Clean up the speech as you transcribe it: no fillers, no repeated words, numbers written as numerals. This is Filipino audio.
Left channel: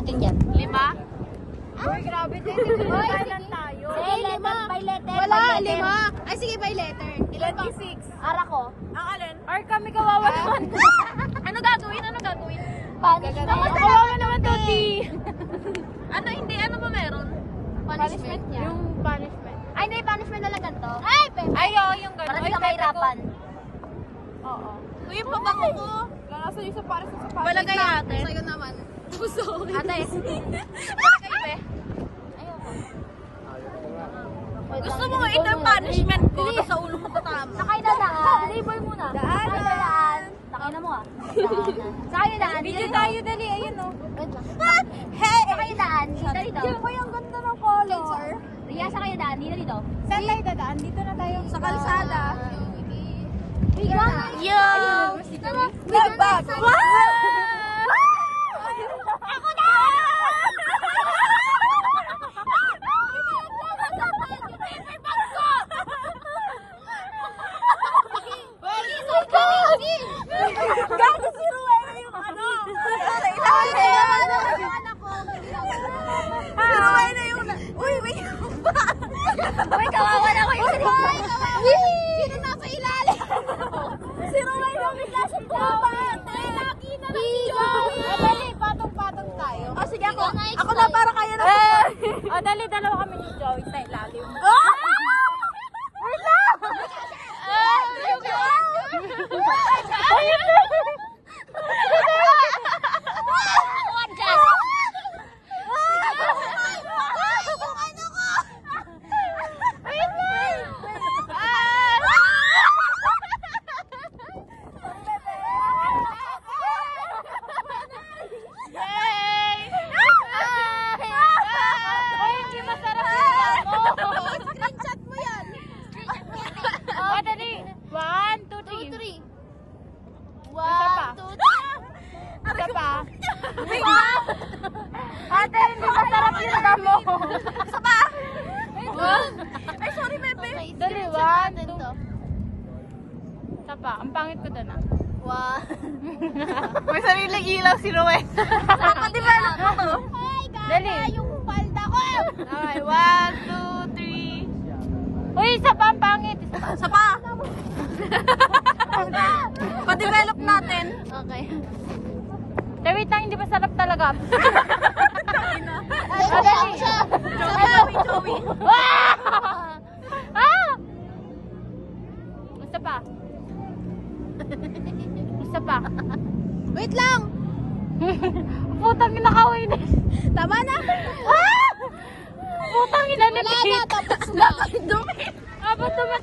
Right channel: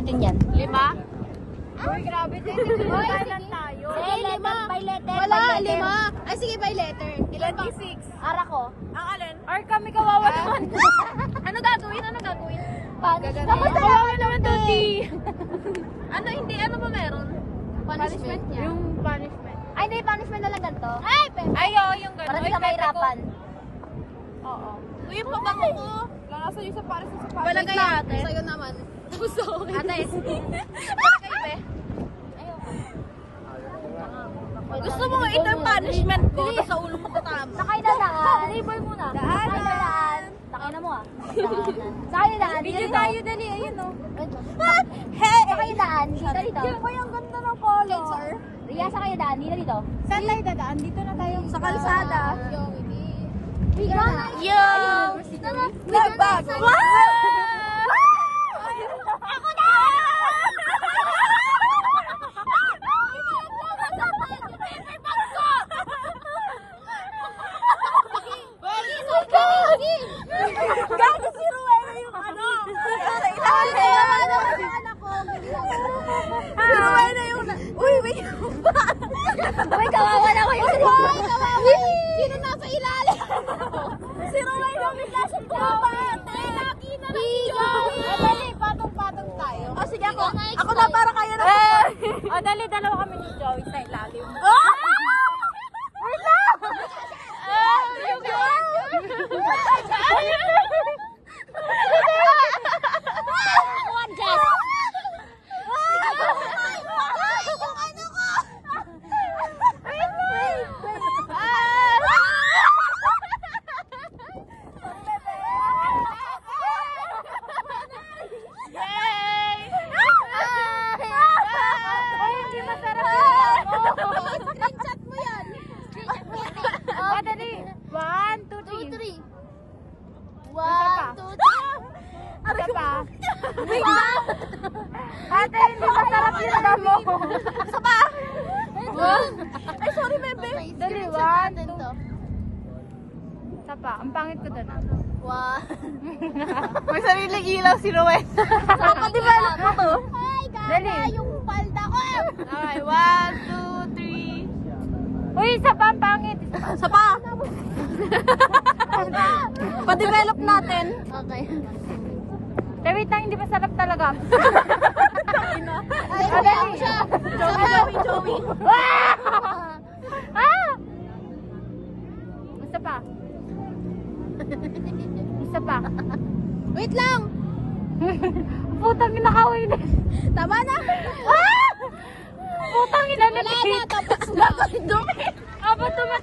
natin yan? 5? Uy, grabe din. Uy, kailan tayo? Sige, 5. By letter. Wala, 5. Ay, sige, by letter. 26. Ara ko. Ang alin? Or kami kawawa naman. Ano gagawin? Ano gagawin? Punishment. Kawawa naman, Toti. Ano hindi? Ano ba meron? Punishment. Yung punishment. Ay, hindi. Punishment na lang ganito. Ay, pepe. Ay, oo, yung gano'n. Para di ka mahirapan. Oo. Uy, yung pabango ko. Nakasan isa para sa sapatos. Balagay ate. Sa'yo naman. Ate. Balagay be. Gusto mo ito yung punishment ko, tapos sa ulo mo tatama. Sakay na daan. Label muna. Sakay na daan. Sakay na mo ah. Sakay na daan. Video tayo, dali. Ayun, oh. Hey! Sakay na daan. Dito dito. Uy, ang ganda ng color. Iya, sakay na daan. Dito dito. Saan tayo dadaan? Dito na tayo. Sa kalsada. Yo! Labag! Ako na! Gago si Ruela yung ano? Sa ilalim. Si Ruela yung... Uy, wait. Uy, kawawa na ko yung... Sino nasa ilalim? Si Ruela bigla sa kawa. Patong-patong tayo. O sige, ako na para kaya na. Dali, dalawa kami ni George sa ilalim. Ay, sorry, bebe. Dali, 1, 2. Sapa, ang pangit ko doon ah. 1. May sariling ilaw si Rowen. Papadevelop mo to. Ay, gaga yung palda ko! Okay, 1, 2, 3. Uy, isa pa ang pangit. Isa pa. Pa-develop natin. Okay. Wait lang, hindi pa sarap talaga. Joey. Isa pa. Isa pa. Wait lang. Putang ina kawin na. Tama na. Putang ina na. Wala na, tapos na. Abot kami